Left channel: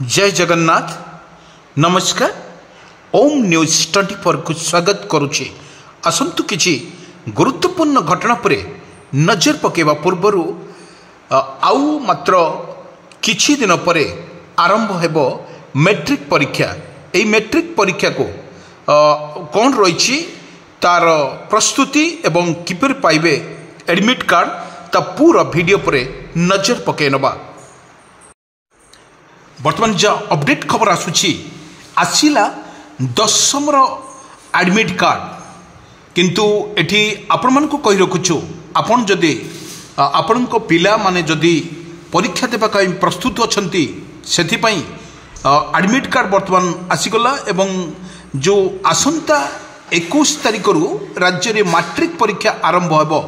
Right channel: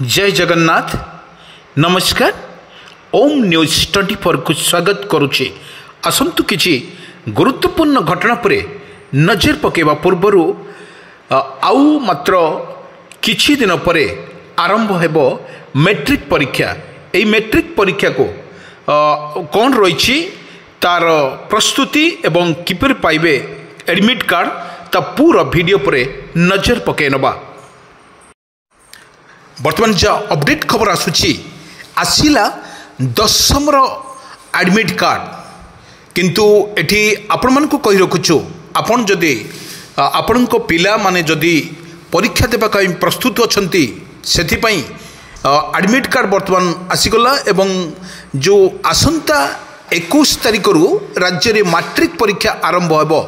जय जगन्नाथ नमस्कार ओम न्यूज 24 को स्वागत करुचे। आसंतु किछि गुरुत्वपूर्ण घटना पर नजर पकेवा पूर्वर आउ मात्र किछि दिन पर आरंभ हेबो मैट्रिक परीक्षा। एई मैट्रिक परीक्षा को कौन रही तार प्रस्तुति एवं किपर पाइबे एडमिट कार्ड ता पूरा वीडियो पर नजर पके नबा। बर्तमान जो अपडेट खबर आसला दशम एडमिट कार्ड किंतु एठी आपण मान को कहि रखुछु आपण जदि आपण को पिला माने जदि परीक्षा देबा कई प्रस्तुत अछंती सेथि पई एडमिट कार्ड बर्तमान आसीगला एवं जो आसंता 21 तारिख रु राज्य रे मैट्रिक परीक्षा आरंभ हेबो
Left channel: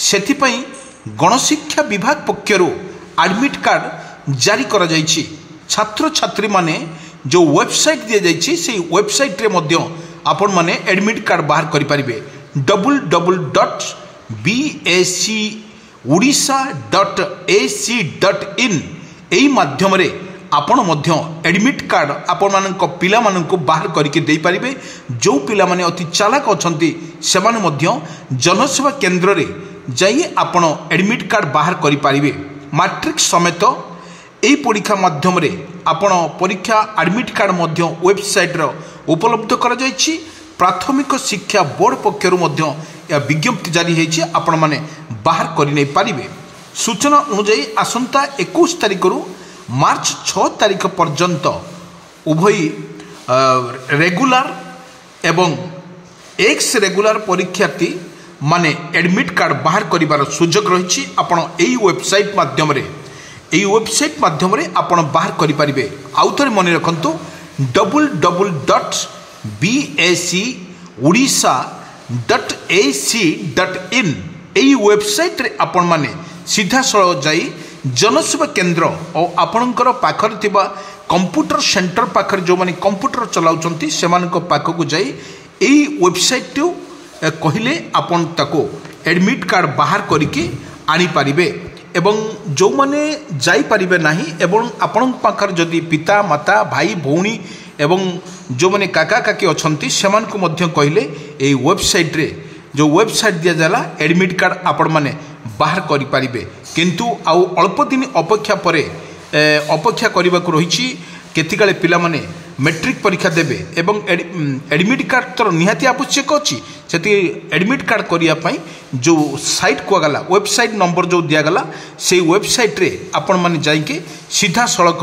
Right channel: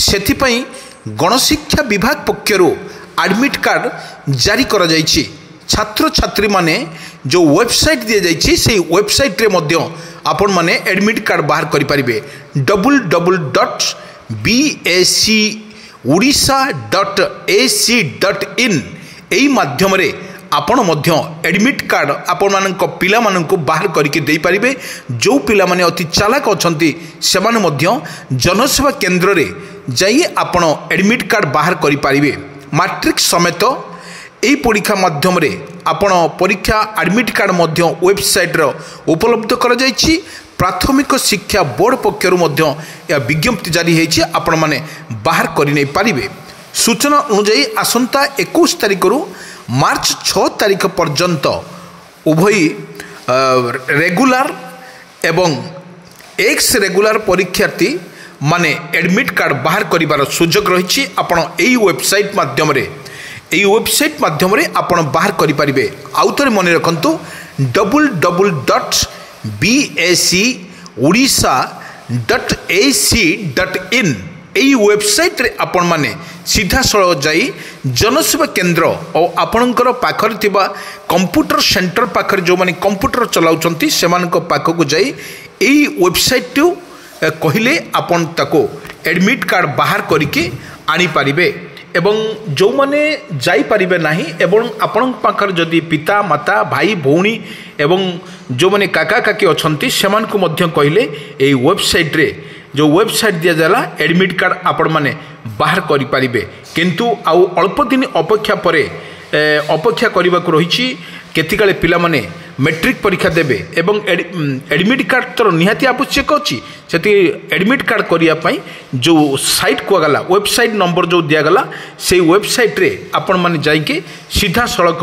सेथि पई गणशिक्षा विभाग पक्षरु एडमिट कार्ड जारी करा जायछि। छात्र छात्री माने जो वेबसाइट दिया जायछि से वेबसाइट रे मध्य आपण माने एडमिट कार्ड बाहर करि परिबे www.bachodisha.ac.in एई माध्यम रे आपण मध्य एडमिट कार्ड आपण मानक पिला मानक बाहर करके दे पारिबे। जो पिला माने अति चालाक अछंती सेमाने मध्य जनसेवा केंद्र रे जाई आपण एडमिट कार्ड बाहर करि पारिबे। मैट्रिक समेत एई परीक्षा माध्यम रे आपण परीक्षा एडमिट कार्ड मध्य वेबसाइट रो उपलब्ध करा जायछि। प्राथमिक शिक्षा बोर्ड पक्षरु मध्य या विज्ञप्ति जारी हेछि आपण माने बाहर करि नै पारिबे। सूचना अनुसार आसंता 21 तारिख रु मार्च 6 तारिख पर्यंत उभय रेगुलर एवं एक्स रेगुलर परीक्षार्थी माने एडमिट कार्ड बाहर करिवार सुযোগ रहिछि। आपण एई वेबसाइट माध्यम रे एई वेबसाइट माध्यम रे आपण बाहर करि परिबे। आउथरे मने रखंतु www.bachodisha.ac.in एई वेबसाइट रे आपण माने सीधा सळ जाई जनसेवा केंद्र और आपणकर पाखर थिबा कंप्यूटर सेंटर पाखर जो माने कंप्यूटर चलाउचंती सेमानक पाखकु जाई एई वेबसाइट टू कहिले आपण ताको एडमिट कार्ड बाहर करके आनी पारिबे। एवं जो माने जाई पारिबे नाही एवं आपण पाखर जदि पिता माता भाई भौणी एवं जो माने काका काकी अछंती सेमान को मध्य कहिले एई वेबसाइट रे जो वेबसाइट दिया जाला एडमिट कार्ड आपण माने बाहर करि पारिबे। किंतु आउ अल्प दिन अपेक्षा परे अपेक्षा करबा को रहिछि केतिकाले पिला माने मैट्रिक परीक्षा देबे एवं एडमिट कार्ड तर निहाती आवश्यक अछि। सेति एडमिट कार्ड करिया पई जो साइट को गला वेबसाइट नंबर जो दिया गला से वेबसाइट रे आपण माने जाई के सीधा सड़क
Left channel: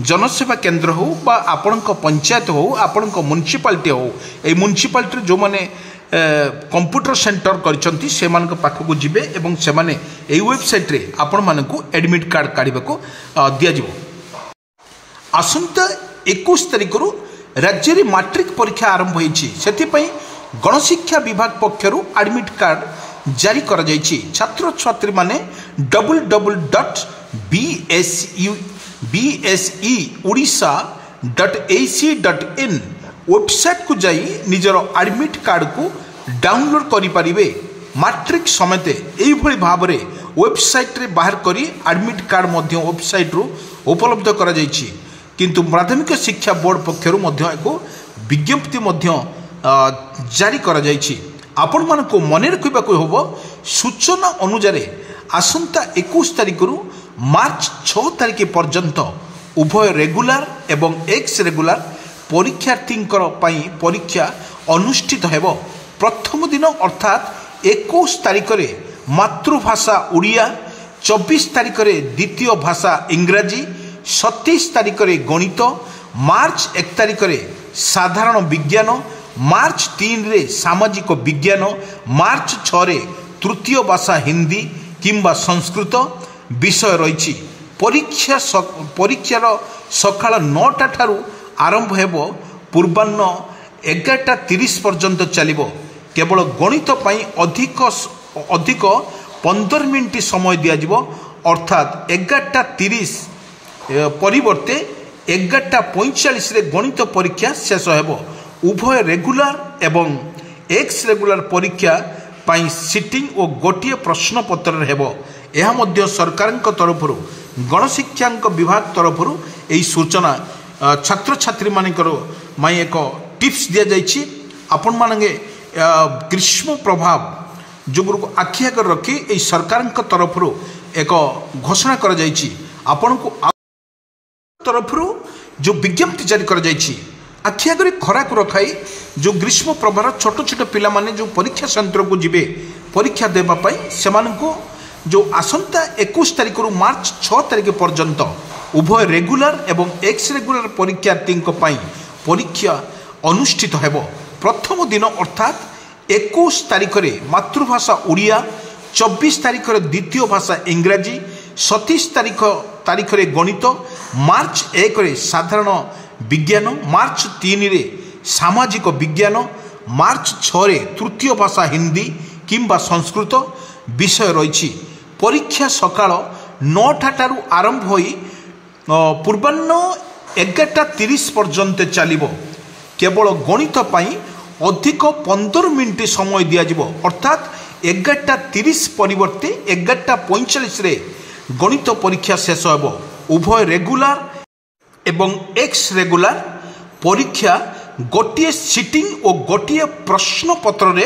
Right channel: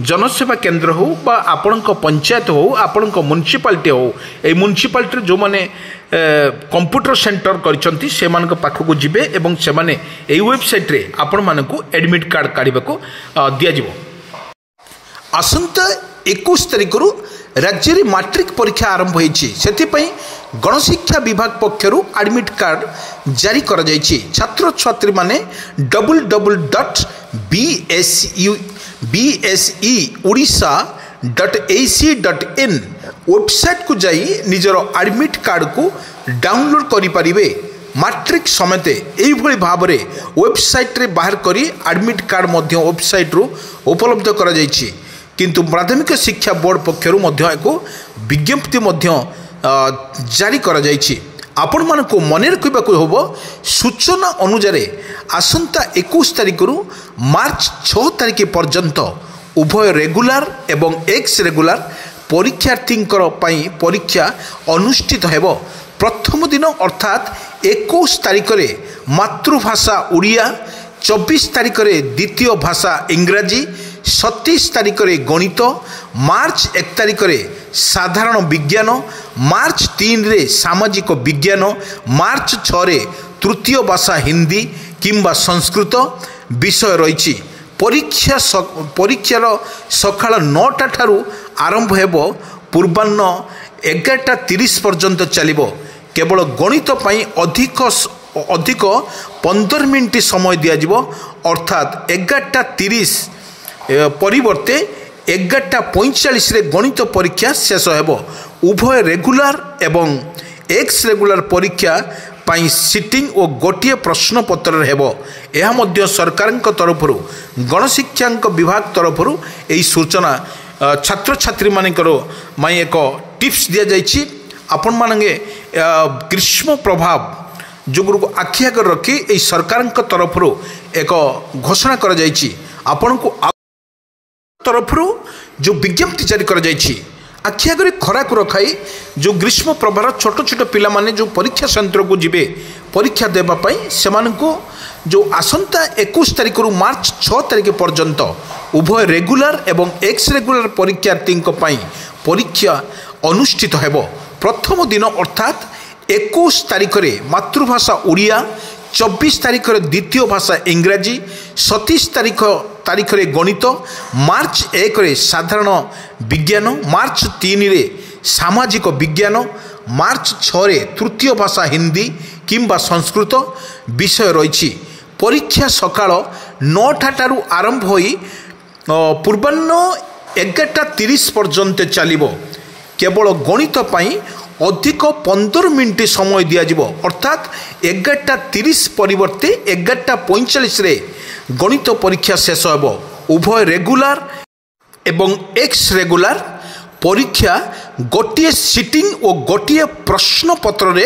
जनसेवा केंद्र हो बा आपण को पंचायत हो आपण को म्युनिसिपालिटी हो ए म्युनिसिपालिटी जो माने कंप्यूटर सेंटर करछंती सेमान को पाखकु जिबे एवं सेमाने ए वेबसाइट रे आपण मानकु एडमिट कार्ड काढिबा को दिया जिवो। आसंता 21 तारिख रु राज्य रे मैट्रिक परीक्षा आरंभ होईछि सेति पई गणशिक्षा विभाग पक्षरु एडमिट कार्ड जारी करा जायछि। छात्र छात्री माने www.bachodisha.ac.in वेबसाइट को जाई निजर एडमिट कार्ड को डाउनलोड करि परिबे। मैट्रिक समेत एई भली भाबरे वेबसाइट रे बाहर करी एडमिट कार्ड मध्य वेबसाइट रो उपलब्ध करा जायछि। किंतु प्राथमिक शिक्षा बोर्ड पक्षरु मध्य एको विज्ञप्ति मध्य जारी करा जायछि। आपण मन को मने रखिबा को होबो सूचना अनुसार आसंता 21 तारिख रु मार्च 6 तारिख पर्यंत उभय रेगुलर एवं एक्स रेगुलर परीक्षार्थींकर पई परीक्षा अनुष्ठित हेबो। प्रथम दिन अर्थात 21 तारिख रे मातृभाषा उड़िया, 24 तारिख रे द्वितीय भाषा इंग्राजी, 27 तारिख रे गणित, मार्च 1 तारिख रे साधारण विज्ञान, मार्च 3 रे सामाजिक विज्ञान, मार्च 6 रे तृतीय भाषा हिंदी किंबा संस्कृत विषय रही। परीक्षार सकाळ 9टा ठारू आरंभ हेबो पूर्वाह्न 11:30 पर्यंत चलिबो। केवल गणित पई अधिक 15 मिनिट समय दिया जिवो अर्थात 11:30 परिवर्ते 11:45 रे गणित परीक्षा शेष हेबो। उभय रेगुलर एवं एक्स रेगुलर परीक्षा सिटिंग और गोटे प्रश्नपत्र हेबो यह मध्य सरकार तरफ गणशिक्षा विभाग तरफ यही सूचना छात्र छात्री मानकर एक टिप्स दि जाइए आपण माने ग्रीष्म प्रभाव जो आखि आगे रखी यही सरकार तरफ एक घोषणा कर आपण को तरफ जो विज्ञप्ति जारी कर आखि आगे खरा को रखाई जो ग्रीष्म प्रभार छोट छोट पिला माने जो परीक्षा केन्द्र को जीवे परीक्षा देवाई से जो आसंता 21 तारिख रु मार्च 6 तारिख पर्यंत उभय रेगुलर एवं एक्स रेगुलर परीक्षार्थी परीक्षा अनुष्ठित हेबो। प्रथम दिन अर्थात 21 तारिख रे मातृभाषा ओडिया, 24 तारिख रे द्वितीय भाषा इंग्राजी, 27 तारिख रे गणित, मार्च 1 रे साधारण विज्ञान, मार्च 3 रे सामाजिक विज्ञान, मार्च 6 रे तृतीय भाषा हिंदी किंबा संस्कृत विषय रही। परीक्षा सकाळ 9टा आरंभ होई पूर्वाह्न 11:30 पर्यंत चलिबो। केवल गणित पाई अधिक 15 मिनिट समय दिया अर्थात 11:30 परिवर्ते 11:45 रे गणित परीक्षा शेष हेबो। उभय रेगुलर एवं एक्स रेगुलर परीक्षा गोटे सिटिंग और गोटे प्रश्नपत्र रे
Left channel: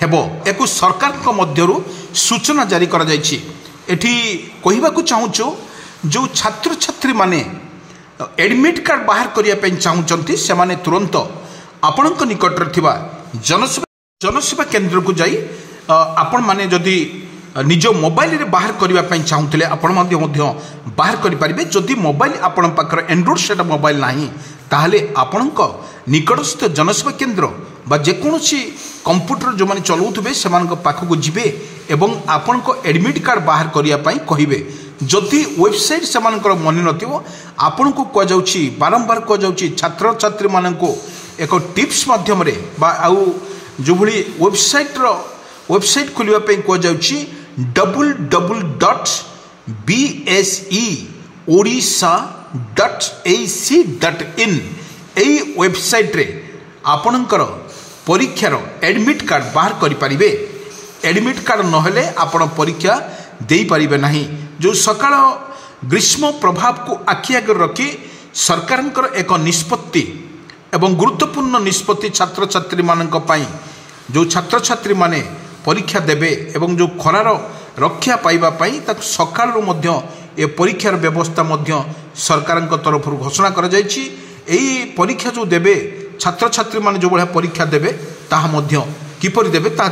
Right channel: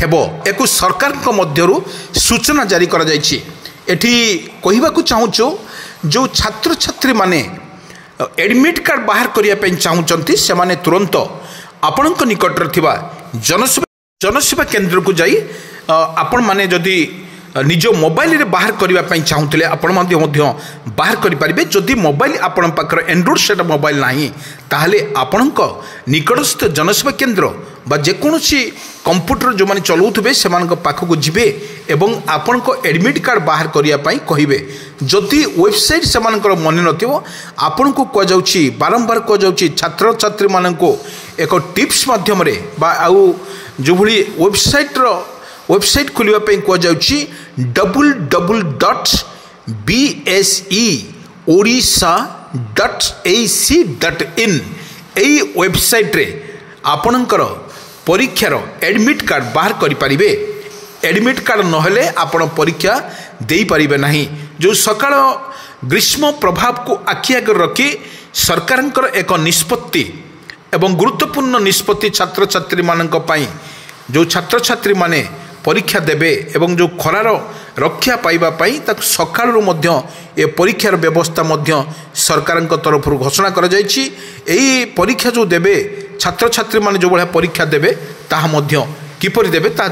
हेबो। एक सरकार को मध्यरु सूचना जारी करा जायछि। एठी कहिबाकू चाहूछु जो छात्र छात्री माने एडमिट कार्ड बाहर करिया पे चाहूचंती से माने तुरंत आपणक निकट रे थिबा जनसेवा केंद्र को जाई आपण माने जदि निज मोबाइल रे बाहर करिया पे चाहूतले आपण मध्य बाहर करि परिबे। जदि मोबाइल आपण पाखर एंड्रॉइड सेट मोबाइल नाही ताहले आपणक निकटस्थ जनसेवा केंद्र बा जेकोसी कंप्यूटर जो माने चलाउथबे सेमानक पाखक जिबे एवं आपणक एडमिट कार्ड बाहर करिया पई कहिबे। जदि वेबसाइट सेमानकर मन नथिबो आपण को को जाउची बारंबार को जाउची छात्र छात्री माननको एक टिप्स माध्यम रे बा आउ जो भली वेबसाइट खोलिया पई को जाउची www.beseodisha.ac.in एई वेबसाइट रे आपणकर परीक्षार एडमिट कार्ड बाहर करि परिबे। एडमिट कार्ड नहेले आपण परीक्षा देई परिबे नाही। जो सकाळ ग्रीष्म प्रभाव को आखि आगे रखी सरकार एक निष्पत्ति एवं गुरुत्वपूर्ण निष्पत्ति छात्र छात्री मानक पई जो छात्र छात्री माने परीक्षा देबे एवं जो खरार रक्षा पाइबा पई तक सकाळु मध्य ए परीक्षार व्यवस्था मध्य सरकार तरफ घोषणा करा जायछि। एई परीक्षा जो देबे छात्र छात्री माने जो बढिया परीक्षा देबे ताहा मध्य किपरि देबे ता